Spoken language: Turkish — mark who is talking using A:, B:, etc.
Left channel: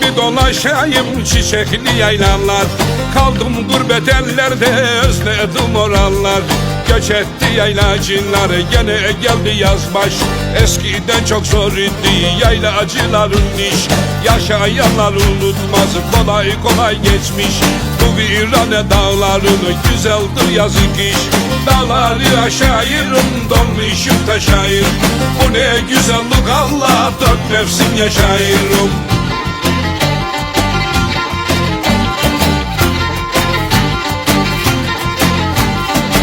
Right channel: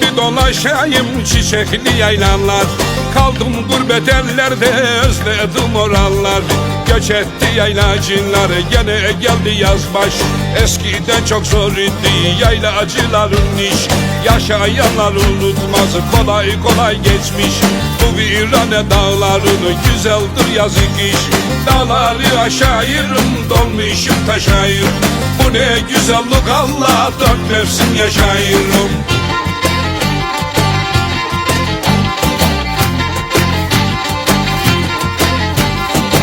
A: bir dolaşayım çiçekli yaylalar Kaldım gurbet ellerde özledim oralar. Göç etti yaylacılar gene geldi yazbaş Eskiden çok zor idi yaylacıların iş. Yaşayanlar unutmaz kolay kolay geçmiş. Bu virane dağlarını güzeldir yazık iş. Dağları aşağıyırım dolmuşum taşayır. Bu ne güzellik Allah dört mevsim yaşayırım.